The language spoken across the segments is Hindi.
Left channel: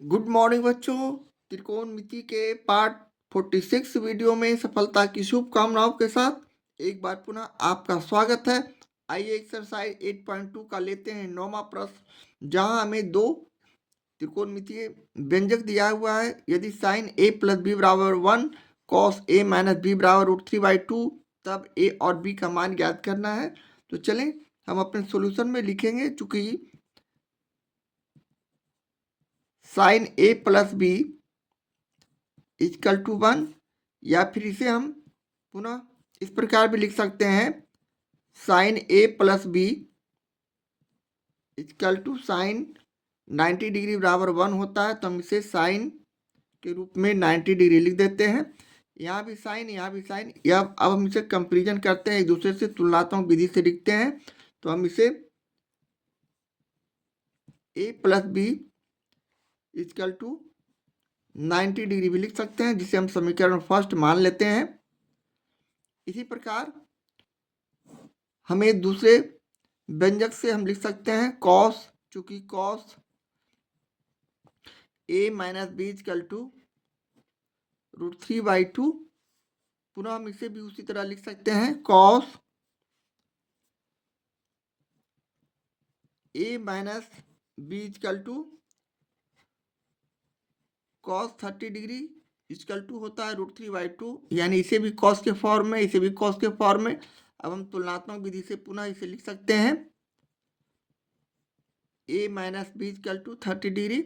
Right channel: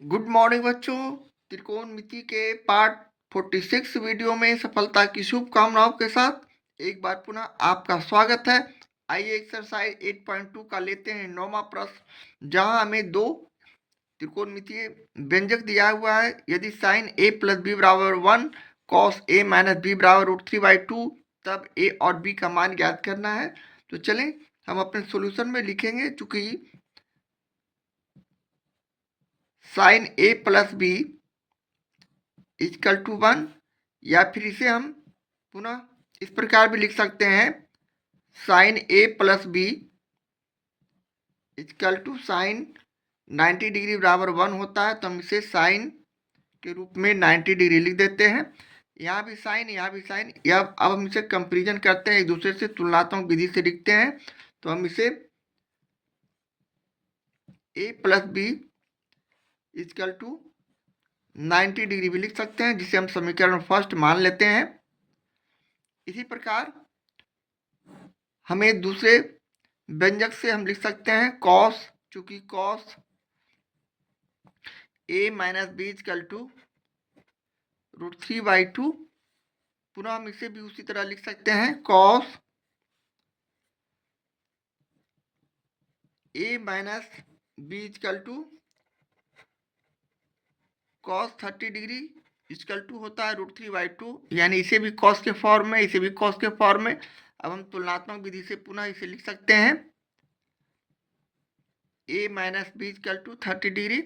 गुड मॉर्निंग बच्चों। त्रिकोणमिति के पार्ट 46 वीडियो में सफलता की शुभकामनाओं के साथ एक बार पुनः आपका स्वागत है। आइए एक्सरसाइज 8.2 का लेते हैं नौवां प्रश्न, जहां हमें दो त्रिकोणमितीय व्यंजक दिया हुआ है। यदि साइन ए प्लस बी बराबर 1, कॉस ए माइनस बी बराबर √3/2, तब ए और बी का मान ज्ञात करना है। तो चलें हम अपने सॉल्यूशन में लिखेंगे। चूंकि sine A plus B equal to 1, या फिर इसे हम पुनः इस प्रकार भी लिख सकते हैं, sine A plus B equal to sine 90 degree बराबर 1 होता है। तो हम इसे साइन के रूप में 90 डिग्री लिख देते हैं। यहाँ भी साइन, यहाँ भी साइन। या अब हम इसे कंपेरिजन करते हैं, एक दूसरे से तुलनात्मक विधि से लिखते हैं। तो हम इसे A plus B equal to 90 degree भी लिख सकते हैं, जिसे हम समीकरण फर्स्ट मान लेते हैं। इसी प्रकार हमें दूसरे व्यंजक से हम लिख सकते हैं कॉस, चूंकि cos A minus B equal to √3/2। पुनः हम इसे भी उसी तरह लिख सकते हैं, cos A minus B equal to cos 30 degree equal to होता है √3/2। यानी इसे भी कॉस के फॉर्म में, इसे भी कॉस के फॉर्म में। अब हम तुलनात्मक विधि से पुनः इसे लिख सकते हैं, A minus B equal to 30 degree,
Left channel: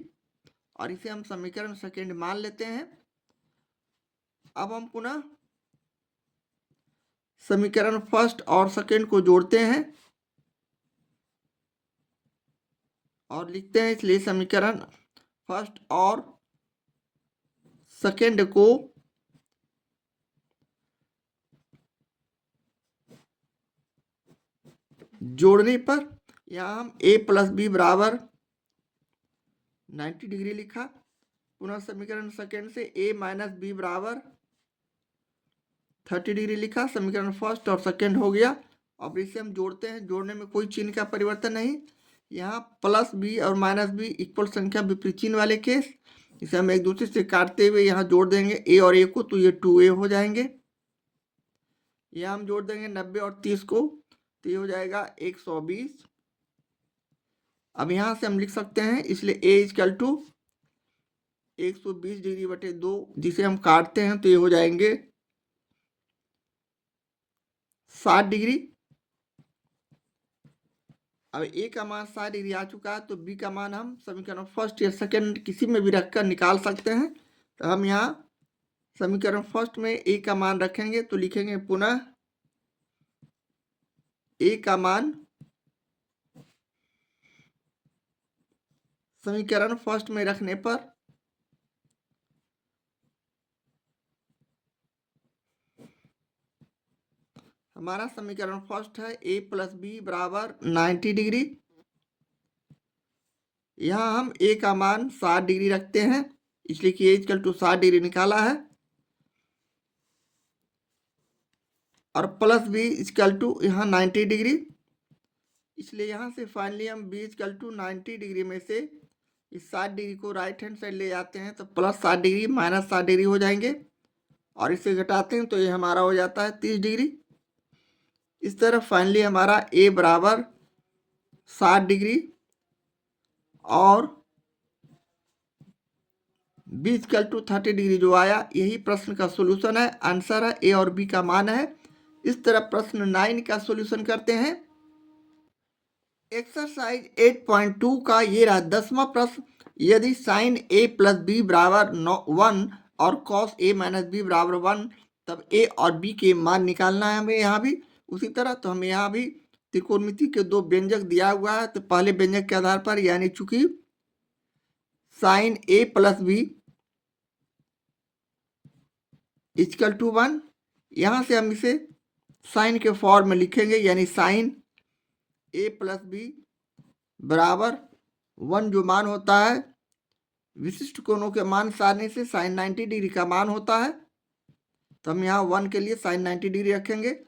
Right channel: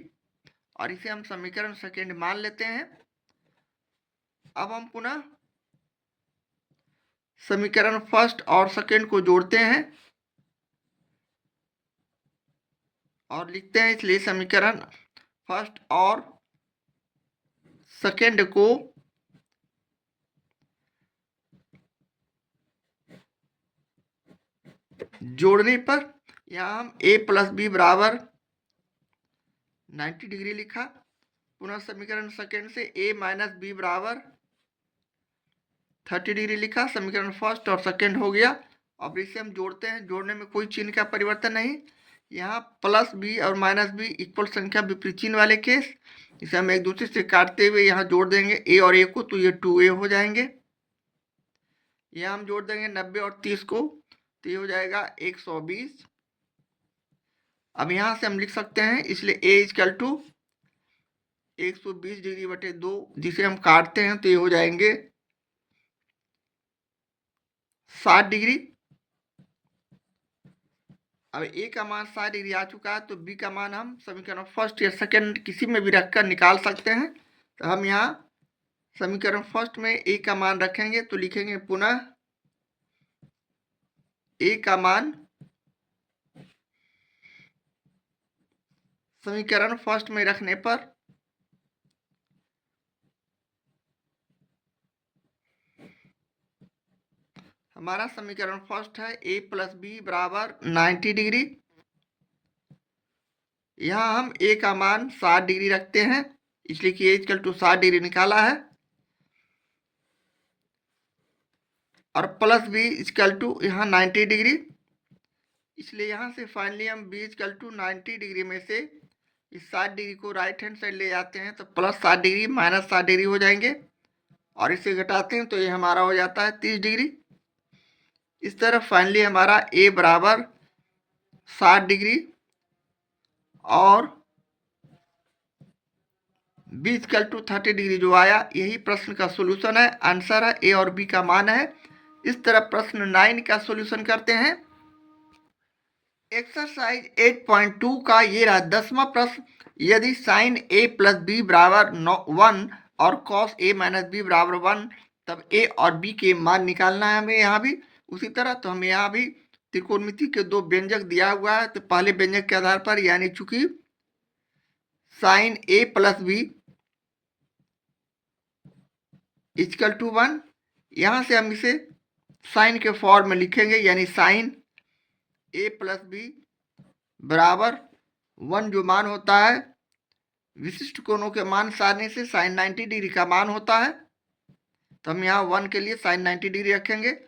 और इसे हम समीकरण सेकेंड मान लेते हैं। अब हम पुनः समीकरण फर्स्ट और सेकेंड को जोड़ते हैं और लिखते हैं। इसलिए समीकरण फर्स्ट और सेकेंड को जोड़ने पर यहाँ हम a प्लस बी बराबर 90 डिग्री लिखा। पुनः समीकरण सेकेंड से a माइनस बी बराबर 30 डिग्री लिखा। समीकरण फर्स्ट और सेकेंड हो गया। अब इसे हम जोड़ते हैं। जोड़ने में कोई चिन्ह का परिवर्तन नहीं। यहाँ प्लस बी और माइनस बी इक्वल संख्या विपरीत चिन्ह वाले केस, इसे हम एक दूसरे से काटते हुए यहाँ जोड़ देंगे a और a को, तो ये 2a हो जाएंगे। यहाँ हम जोड़ देंगे 90 और 30 को, तो ये हो जाएगा 120। अब यहाँ से हम लिख सकते हैं, इसलिए a इक्वल टू 120 डिग्री बटे 2, जिसे हम काटते हैं तो ये हो जाएंगे 60 डिग्री। अब a का मान 60 डिग्री आ चुका है, तो b का मान हम समीकरण फर्स्ट या सेकंड किसी में भी रखकर निकाल सकते हैं। तो हम यहाँ समीकरण फर्स्ट में a का मान रखेंगे, तो लिखेंगे पुनः a का मान समीकरण फर्स्ट में रखने पर हमारा समीकरण फर्स्ट है a प्लस बी बराबर 90 डिग्री। यहाँ हम a का मान 60 डिग्री रखते हैं, इसलिए कि a इक्वल टू 60 डिग्री निकाला है, और प्लस बी इक्वल टू यहाँ 90 डिग्री। इसलिए यहाँ से फाइनली हम b इक्वल टू 90 डिग्री में से इस 60 डिग्री को राइट हैंड साइड ले जाते हैं, तो प्लस 60 डिग्री माइनस 60 डिग्री हो जाएंगे, और इसे घटाते हैं तो ये हमारा हो जाता है 30 डिग्री। इस तरह फाइनली हमारा a बराबर 60 डिग्री और b इक्वल टू 30 डिग्री जो आया, यही प्रश्न का सोल्यूशन है। आंसर है a और b का मान है। इस तरह प्रश्न 9 का सोल्यूशन करते हैं। एक्सरसाइज 8.2 का ये रहा 10वां प्रश्न। यदि साइन a प्लस बी बराबर 1 और कॉस a माइनस बी बराबर 1, तब a और b के मान निकालना है हमें। यहाँ भी उसी तरह, तो हमें यहाँ भी त्रिकोणमिति के दो व्यंजक दिया हुआ है, तो पहले व्यंजक के आधार पर, यानी चूंकि sine a plus B equal to 1, यहाँ से हम इसे साइन के फॉर्म में लिखेंगे, यानी साइन a प्लस बी बराबर 1 जो मान होता है विशिष्ट कोणों के मान सारणी से साइन 90 डिग्री का मान होता है। तो हम यहाँ 1 के लिए साइन 90 डिग्री रखेंगे।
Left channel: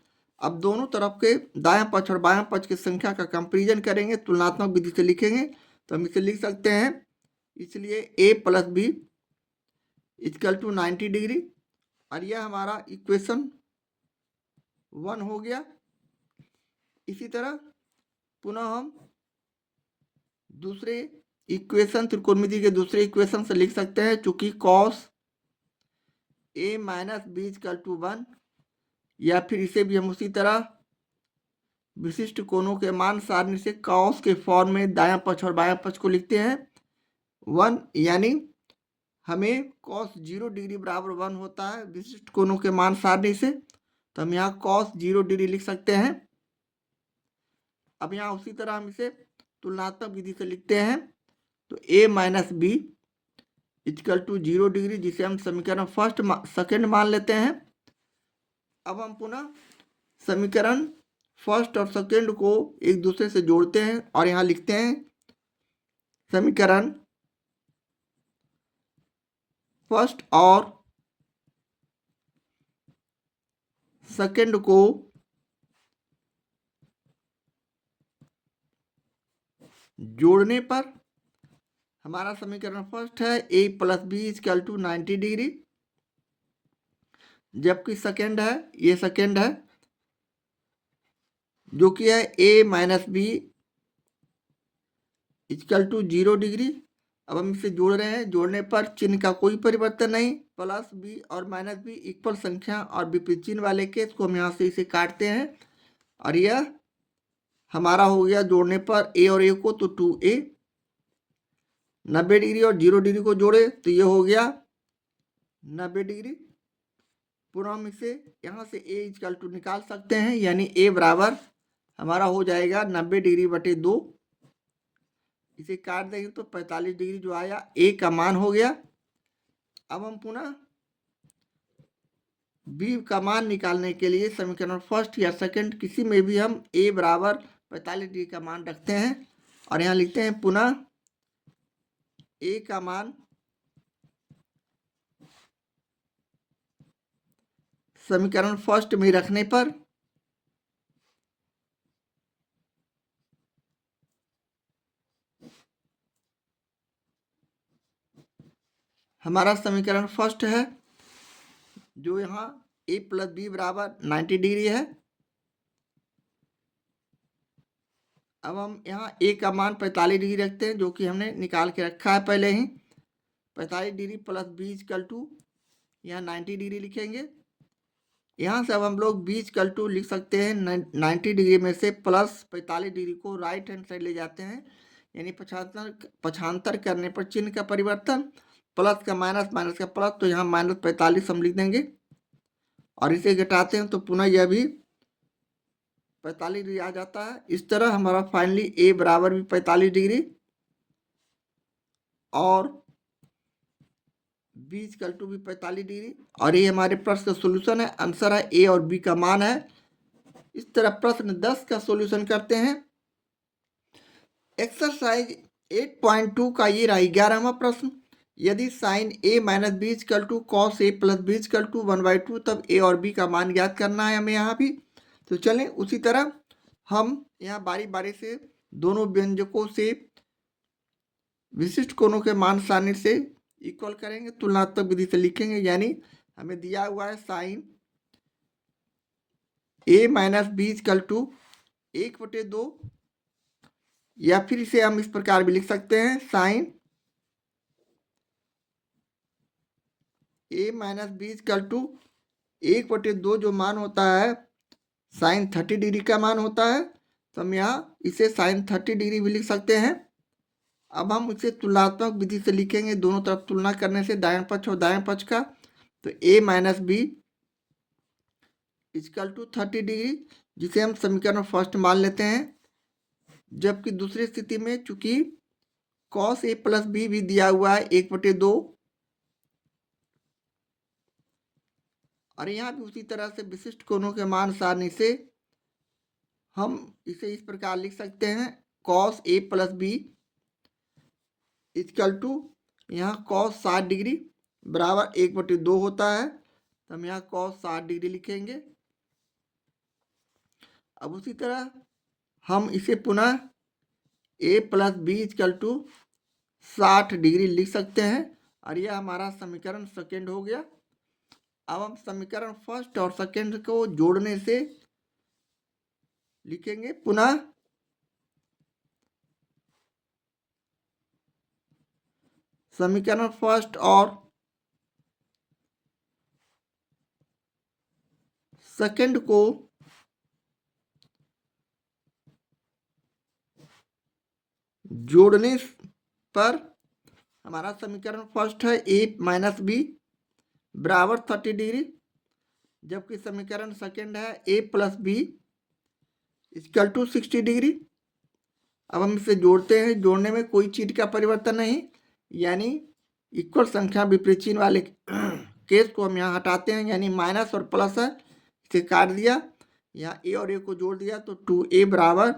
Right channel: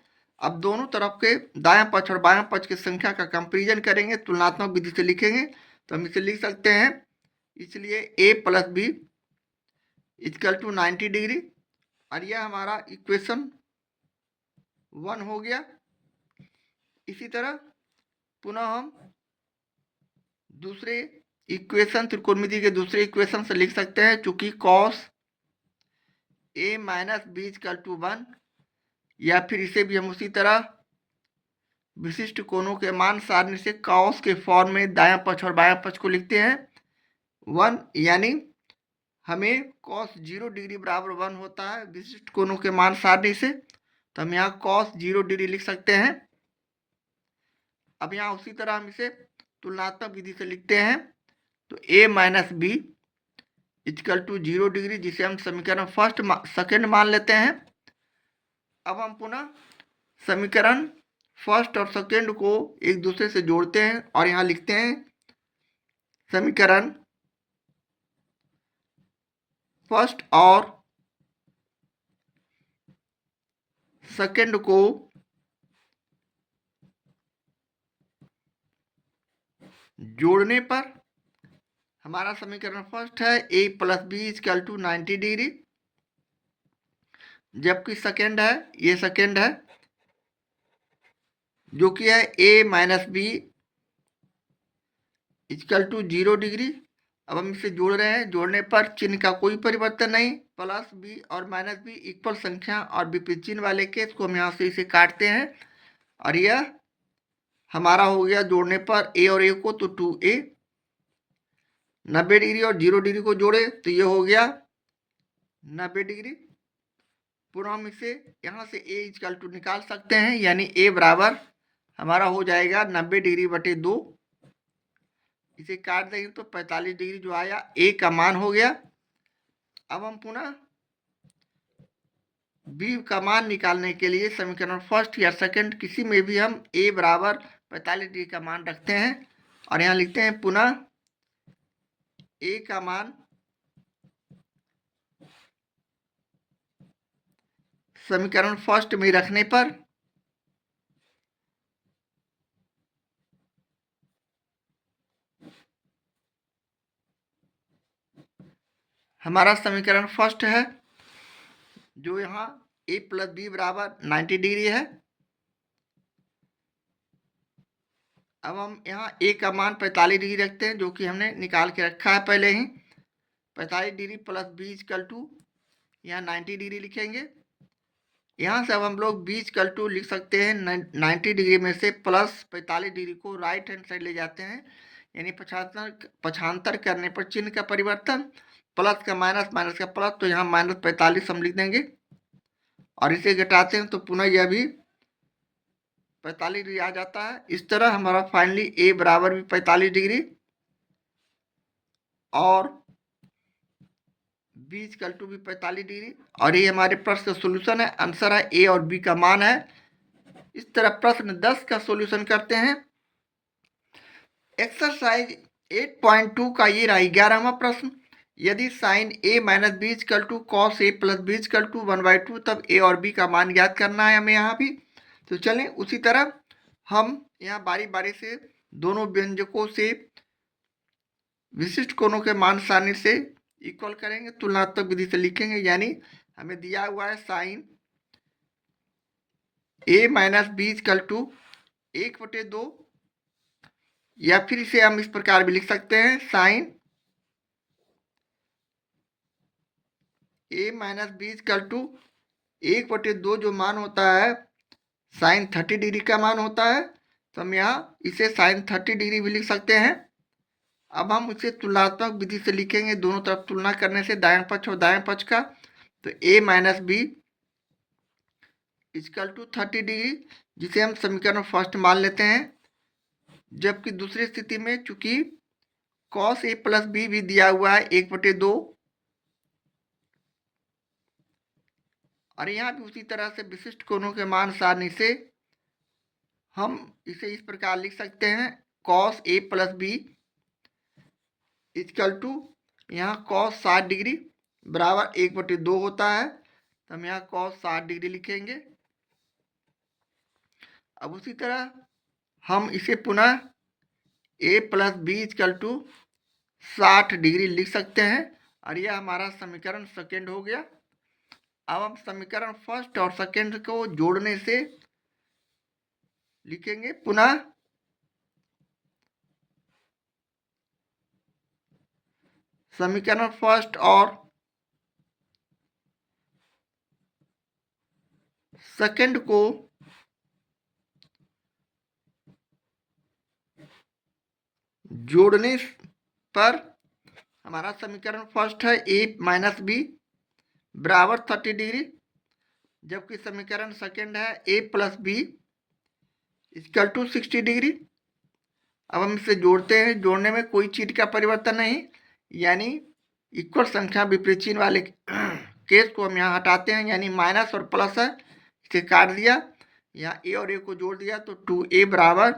अब दोनों तरफ के दायां पक्ष और बायां पक्ष की संख्या का कंपेरिजन करेंगे, तुलनात्मक विधि से लिखेंगे। तो हम इसे लिख सकते हैं इसलिए A plus B equal to 90 degree. और यह हमारा इक्वेशन 1 हो गया। इसी तरह पुनः हम दूसरे इक्वेशन त्रिकोणमिति के दूसरे इक्वेशन से लिख सकते हैं, चूंकि cos A minus B equal to 1, या फिर इसे भी हम उसी तरह विशिष्ट कोणों के मान सारणी से कॉस के फॉर्म में दायां पक्ष और बायां पक्ष को लिखते हैं 1, यानी हमें कॉस 0 डिग्री बराबर 1 होता है विशिष्ट कोणों के मान सारणी से, तो हम यहाँ कॉस 0 डिग्री लिख सकते हैं। अब यहाँ उसी तरह हम इसे तुलनात्मक विधि से लिखते हैं, तो a minus B equal to 0 degree, जिसे हम समीकरण सेकंड मान लेते हैं। अब हम पुनः समीकरण फर्स्ट और सेकंड को एक दूसरे से जोड़ते हैं और यहाँ लिखते हैं समीकरण फर्स्ट और सेकंड को जोड़ने पर हमारा समीकरण फर्स्ट है a plus B equal to 90 degree, जबकि सेकंड है, ये सेकंड है जो कि है a minus B equal to 0 degree. अब हम इसे जोड़ रहे हैं, जोड़ने पर चिन्ह का कोई परिवर्तन नहीं, प्लस बी और माइनस बी इक्वल संख्या और विपरीत चिन्ह वाले केस को हम यहाँ से इसे काटते हैं और यह हमारा हो गया जोड़ने पर a और a को तो 2a, 90 डिग्री और 0 डिग्री को जोड़े तो ये हो गया 90 डिग्री। पुनः हम इसे यहाँ से a इक्वल टू निकाल सकते हैं, यानी a बराबर हमारा हो जाएगा 90 डिग्री बटे 2। इसे काट देंगे तो 45 डिग्री जो आया a का मान हो गया। अब हम पुनः b का मान निकालने के लिए समीकरण फर्स्ट या सेकंड किसी में भी हम a बराबर 45 डिग्री का मान रखते हैं और यहाँ लिखते हैं पुनः a का मान समीकरण फर्स्ट में रखने पर हमारा समीकरण फर्स्ट है जो यहाँ a प्लस बी बराबर 90 डिग्री है। अब हम यहाँ a का मान 45 डिग्री रखते हैं, जो कि हमने निकाल के रखा है पहले ही। 45 degree plus B equal to यहाँ 90 डिग्री लिखेंगे। यहाँ से अब हम लोग बी इक्वल टू लिख सकते हैं 90 डिग्री में से प्लस 45 डिग्री को राइट हैंड साइड ले जाते हैं, यानी पक्षांतर करने पर चिन्ह का परिवर्तन, प्लस का माइनस, माइनस का प्लस, तो यहाँ माइनस 45 हम लिख देंगे और इसे घटाते हैं तो पुनः यह भी 45 डिग्री आ जाता है। इस तरह हमारा फाइनली a बराबर भी 45 डिग्री और b इक्वल टू भी 45 डिग्री, और ये हमारे प्रश्न का सोल्यूशन है। आंसर है a और b का मान है। इस तरह प्रश्न 10 का सोल्यूशन करते हैं। एक्सरसाइज 8.2 का ये रहा 11वां प्रश्न। यदि sine a minus B equal to cos A plus B equal to 1/2, तब a और b का मान ज्ञात करना है हमें यहाँ भी। तो चलें उसी तरह हम यहाँ बारी बारी से दोनों व्यंजकों से विशिष्ट कोणों के मान सारणी से इक्वल करेंगे, तुलनात्मक विधि से लिखेंगे। यानी हमें दिया हुआ है sine a minus B equal to 1/2, या फिर इसे हम इस प्रकार भी लिख सकते हैं sine a minus B equal to 1/2 जो मान होता है साइन 30 डिग्री का मान होता है, तो हम यहाँ इसे साइन 30 डिग्री भी लिख सकते हैं। अब हम इसे तुलनात्मक विधि से लिखेंगे, दोनों तरफ तुलना करने से दायां पक्ष और दायां पक्ष का, तो a minus B equal to 30 degree, जिसे हम समीकरण फर्स्ट मान लेते हैं। जबकि दूसरी स्थिति में चूंकि कॉस ए प्लस बी भी दिया हुआ है 1/2, और यहाँ भी उसी तरह से विशिष्ट कोणों के मान सारणी से हम इसे इस प्रकार लिख सकते हैं cos A plus B equal to यहाँ कॉस 60 डिग्री बराबर 1/2 होता है, तो हम यहाँ कॉस 60 डिग्री लिखेंगे। अब उसी तरह हम इसे पुनः a plus B equal to 60 degree लिख सकते हैं और यह हमारा समीकरण सेकेंड हो गया। अब हम समीकरण फर्स्ट और सेकेंड को जोड़ने से लिखेंगे पुनः समीकरण फर्स्ट और सेकेंड को जोड़ने पर हमारा समीकरण फर्स्ट है a माइनस बी बराबर 30 डिग्री, जबकि समीकरण सेकेंड है a plus B equal to 60 degree. अब हम इसे जोड़ते हैं, जोड़ने में कोई चीज का परिवर्तन नहीं, यानी इक्वल संख्या विपरीत चिन्ह वाले केस को हम यहाँ हटाते हैं, यानी माइनस और प्लस है, इसे काट दिया, यहाँ ए और ए को जोड़ दिया तो 2a बराबर,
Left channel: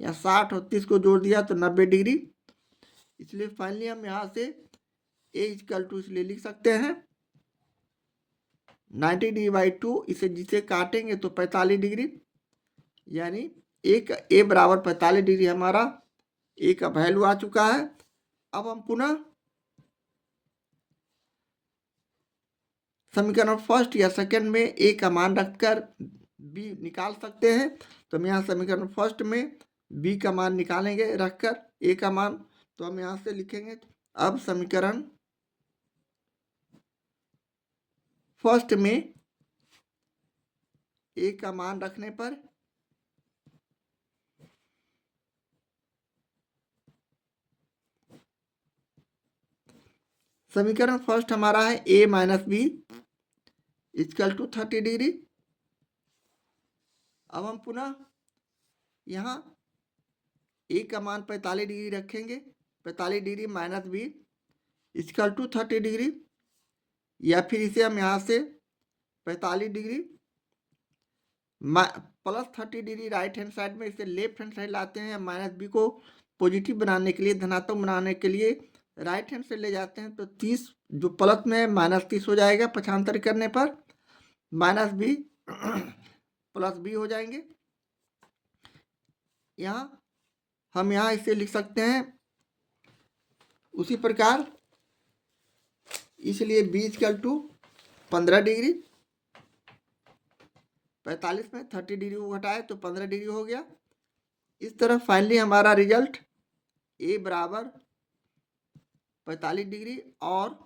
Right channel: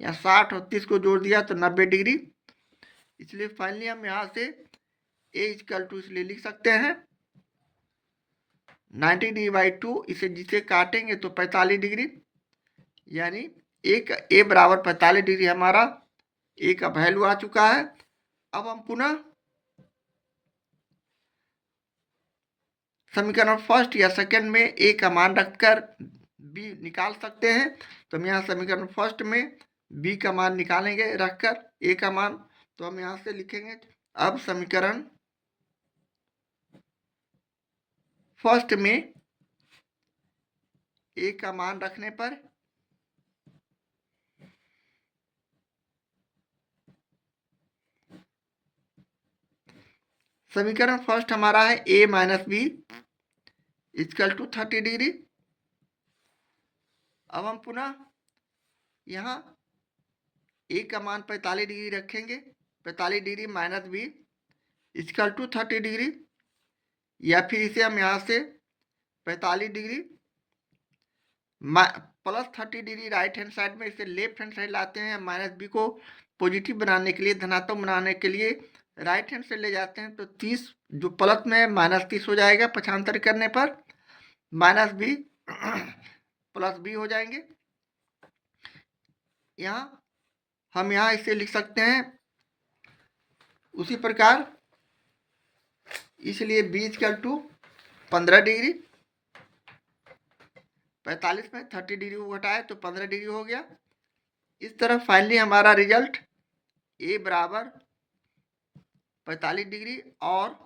यहाँ 60 और 30 को जोड़ दिया तो 90 डिग्री। इसलिए फाइनली हम यहाँ से a इक्वल टू इसलिए लिख सकते हैं 90 डिग्री बाई 2, इसे जिसे काटेंगे तो 45 डिग्री, यानी एक a बराबर 45 डिग्री हमारा a का वैल्यू आ चुका है। अब हम पुनः समीकरण फर्स्ट या सेकंड में a का मान रखकर b निकाल सकते हैं। तो हम यहाँ समीकरण फर्स्ट में b का मान निकालेंगे रखकर a का मान, तो हम यहाँ से लिखेंगे अब समीकरण फर्स्ट में a का मान रखने पर समीकरण फर्स्ट हमारा है a minus B equal to 30 degree. अब हम पुनः यहाँ a का मान 45 डिग्री रखेंगे, 45 degree minus B equal to 30 degree, या फिर इसे हम यहाँ से 45 degree plus 30 degree right hand side में इसे लेफ्ट हैंड साइड लाते हैं, माइनस बी को पॉजिटिव बनाने के लिए, धनात्मक बनाने के लिए राइट हैंड साइड ले जाते हैं, तो 30 जो प्लस में माइनस 30 हो जाएगा, पक्षांतर करने पर माइनस बी प्लस बी हो जाएंगे। यहाँ हम यहाँ इसे लिख सकते हैं उसी प्रकार, इसलिए बी इक्वल टू 15 डिग्री, 45 में 30 डिग्री को घटाए तो 15 डिग्री हो गया। इस तरह फाइनली हमारा रिजल्ट a बराबर 45 डिग्री और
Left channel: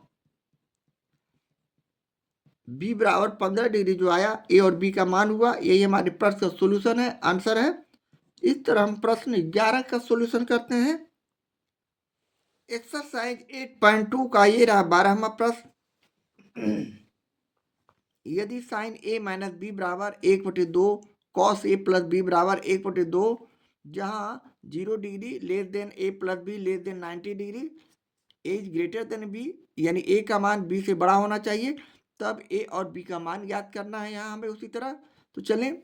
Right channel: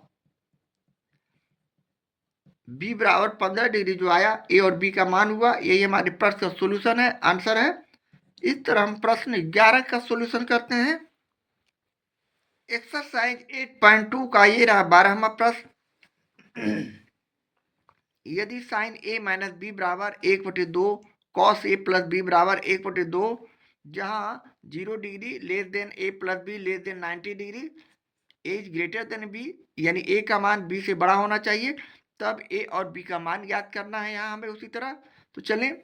b बराबर 15 डिग्री जो आया, a और b का मान हुआ, यही हमारे प्रश्न का सॉल्यूशन है, आंसर है। इस तरह हम प्रश्न 11 का सॉल्यूशन करते हैं। एक्सरसाइज 8.2 का ये रहा 12वां प्रश्न। यदि साइन a माइनस बी बराबर 1/2 कॉस a प्लस बी बराबर 1/2, जहाँ 0 degree less than a plus be less than 90 degree, a is greater than b, यानी a का मान b से बड़ा होना चाहिए, तब a और b का मान याद करना है यहाँ हमें उसी तरह। तो चलें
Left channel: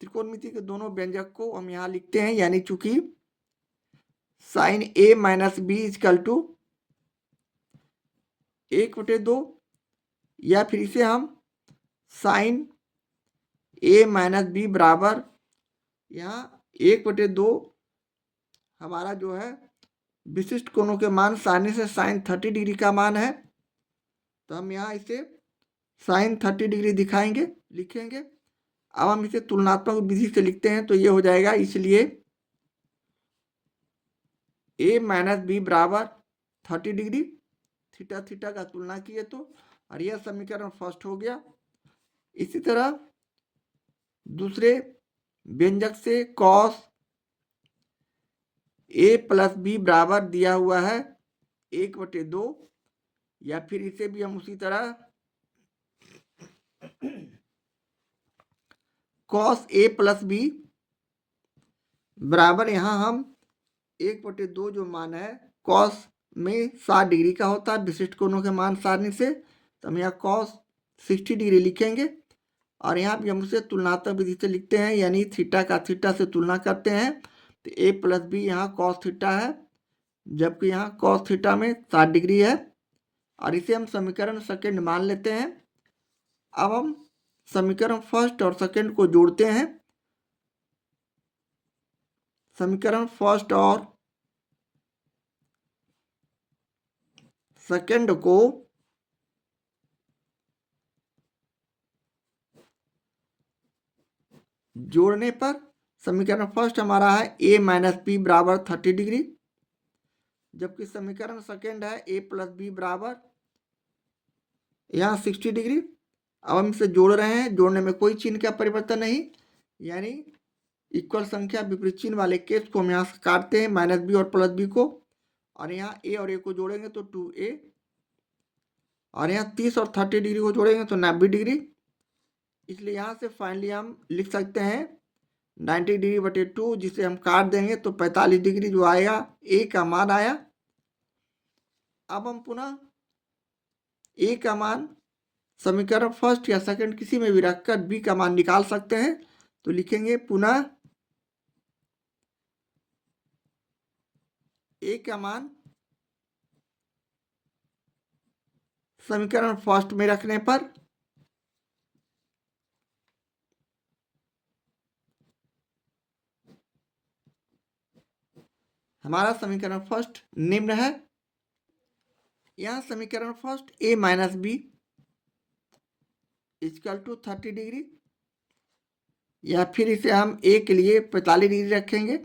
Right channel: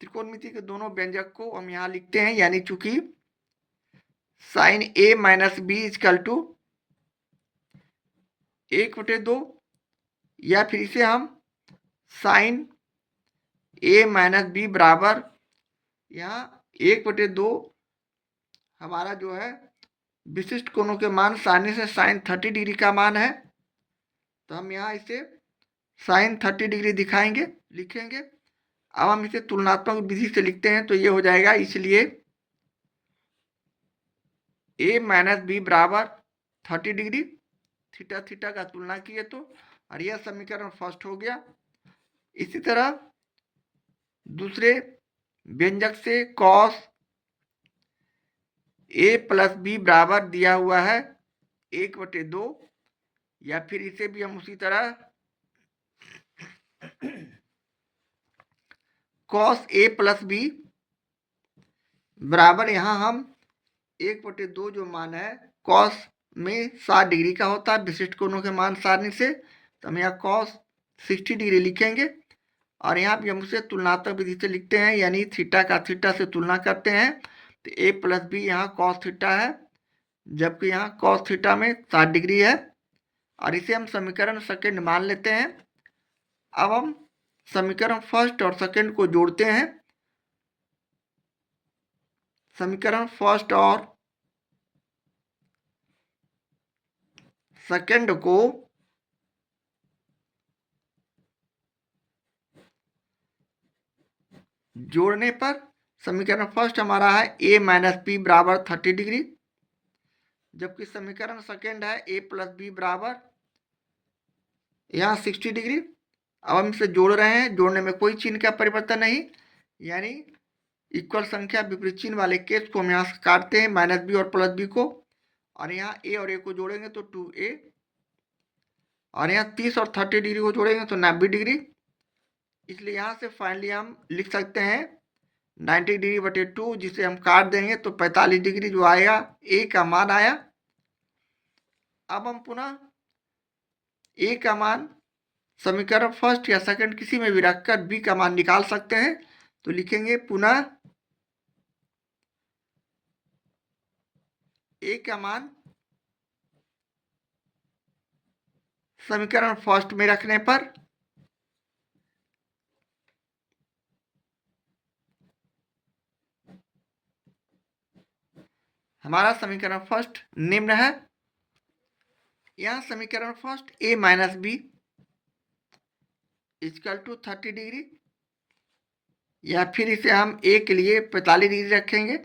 त्रिकोणमिति के दोनों व्यंजक को हम यहाँ लिखते हैं, यानी चूंकि sine a minus B equal to 1/2, या फिर इसे हम साइन a माइनस बी बराबर यहाँ 1/2 हमारा जो है विशिष्ट कोणों के मान सारणी से साइन 30 डिग्री का मान है, तो हम यहाँ इसे साइन 30 डिग्री दिखाएंगे, लिखेंगे। अब हम इसे तुलनात्मक विधि से लिखते हैं तो ये हो जाएगा, इसलिए a माइनस बी बराबर 30 डिग्री, थीटा थीटा का तुलना किए तो, और यह समीकरण फर्स्ट हो गया। इसी तरह दूसरे व्यंजक से कॉस a प्लस बी बराबर दिया हुआ है 1/2, या फिर इसे भी हम उसी तरह कॉस a प्लस बी बराबर, यहाँ हम 1/2 जो मान है कॉस में 60 डिग्री का होता है विशिष्ट कोणों के मान सारणी से, तो हम यहाँ कॉस 60 डिग्री लिखेंगे, और यहाँ भी हम उसे तुलनात्मक विधि से लिखते हैं, यानी थीटा का थीटा से तुलना करते हैं, तो a प्लस बी यहाँ कॉस थीटा है, जबकि यहाँ कॉस थीटा में 60 डिग्री है, और इसे हम समीकरण सेकेंड मान लेते हैं। अब हम समीकरण फर्स्ट और सेकेंड को जोड़ते हैं। समीकरण फर्स्ट और सेकंड को जोड़ने पर समीकरण फर्स्ट हमारा है a माइनस बी बराबर 30 डिग्री, जबकि समीकरण सेकंड है a प्लस बी बराबर यहाँ 60 डिग्री। अब हम इसे जोड़ रहे हैं, जोड़ने में कोई चिन्ह का परिवर्तन नहीं, यानी इक्वल संख्या विपरीत चिन्ह वाले केस को हम यहाँ से काटते हैं, माइनस बी और प्लस बी को, और यहाँ a और a को जोड़ेंगे तो 2a, और यहाँ 30 और 30 डिग्री को जोड़ेंगे तो 90 डिग्री। इसलिए यहाँ से फाइनली हम लिख सकते हैं 90 डिग्री बटे 2, जिसे हम काट देंगे तो 45 डिग्री जो आएगा, a का मान आया। अब हम पुनः a का मान समीकरण फर्स्ट या सेकंड किसी में भी रखकर b का मान निकाल सकते हैं। तो लिखेंगे पुनः a का मान समीकरण फर्स्ट में रखने पर हमारा समीकरण फर्स्ट निम्न है। यहाँ समीकरण first a minus B equal to 30 degree, या फिर इसे हम a के लिए 45 डिग्री रखेंगे,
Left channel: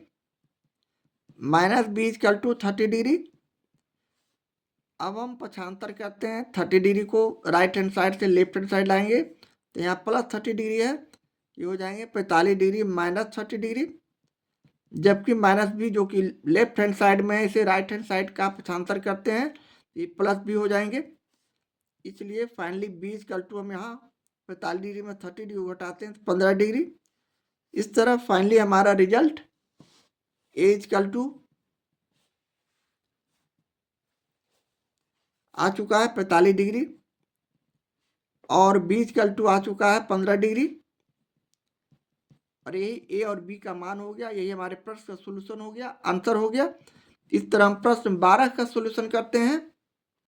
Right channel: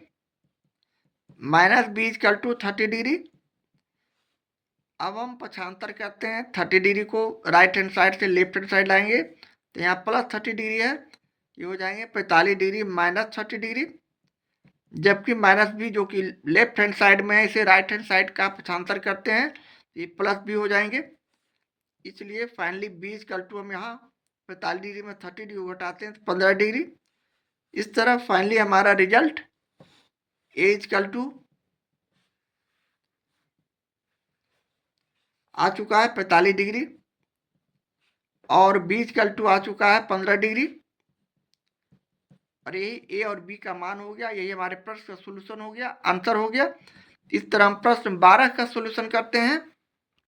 minus B equal to 30 degree. अब हम पक्षांतर करते हैं, 30 डिग्री को राइट हैंड साइड से लेफ्ट हैंड साइड लाएंगे तो यहाँ प्लस 30 डिग्री है, ये हो जाएंगे 45 डिग्री माइनस 30 डिग्री, जबकि माइनस बी जो कि लेफ्ट हैंड साइड में है, इसे राइट हैंड साइड का पक्षांतर करते हैं, ये प्लस बी हो जाएंगे। इसलिए फाइनली बी इक्वल टू हम यहाँ 45 डिग्री में 30 डिग्री घटाते हैं तो 15 डिग्री। इस तरह फाइनली हमारा रिजल्ट ए इक्वल टू आ चुका है 45 डिग्री और बी इक्वल टू आ चुका है 15 डिग्री, और यही ए और बी का मान हो गया। यही हमारे प्रश्न का सोल्यूशन हो गया, आंसर हो गया। इस तरह हम प्रश्न 12 का सोल्यूशन करते हैं।